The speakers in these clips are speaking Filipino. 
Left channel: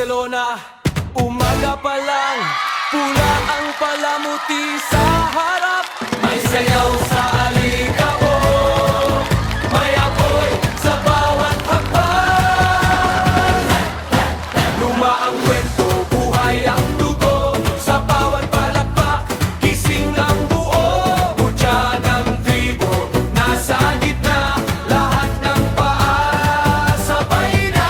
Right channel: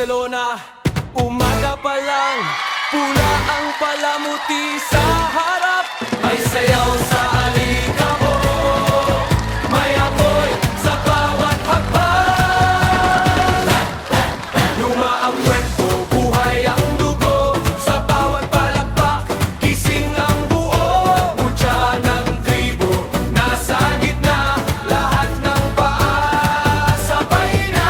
Barcelona. Umaga pa lang, pula ang palamuti sa harap. May sayaw sa alikabok, may apoy sa bawat hakbang. Luma ang kwento, buhay ang dugo, sa bawat palakpak, gising ang buo. Mutya ng tribo, nasa gitna, lahat ng paa sabay na.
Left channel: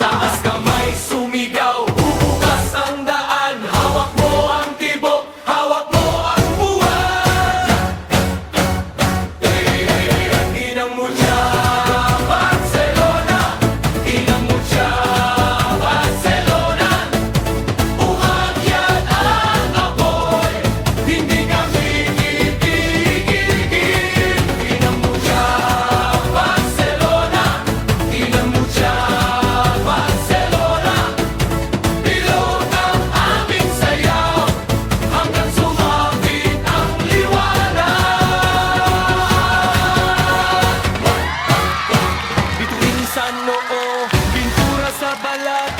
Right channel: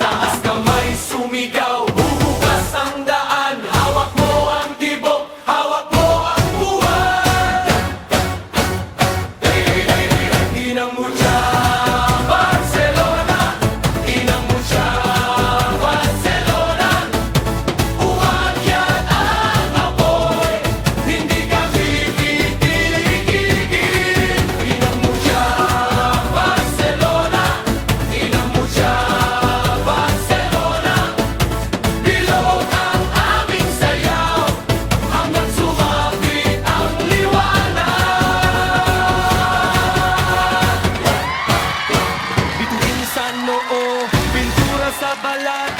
Taas kamay, sumigaw, huhugas ang daan. Hawak mo ang tibok, hawak mo ang buwan. Inang Mutya, Barcelona. Inang Mutya, Barcelona. Umagyan ang apoy, hindi kami titigil. Inang Mutya, Barcelona. Inang Mutya, Barcelona. Bilog ang aming sayaw, hanggang sumapit ang liwanag. Bituin sa noo, pintura sa balat,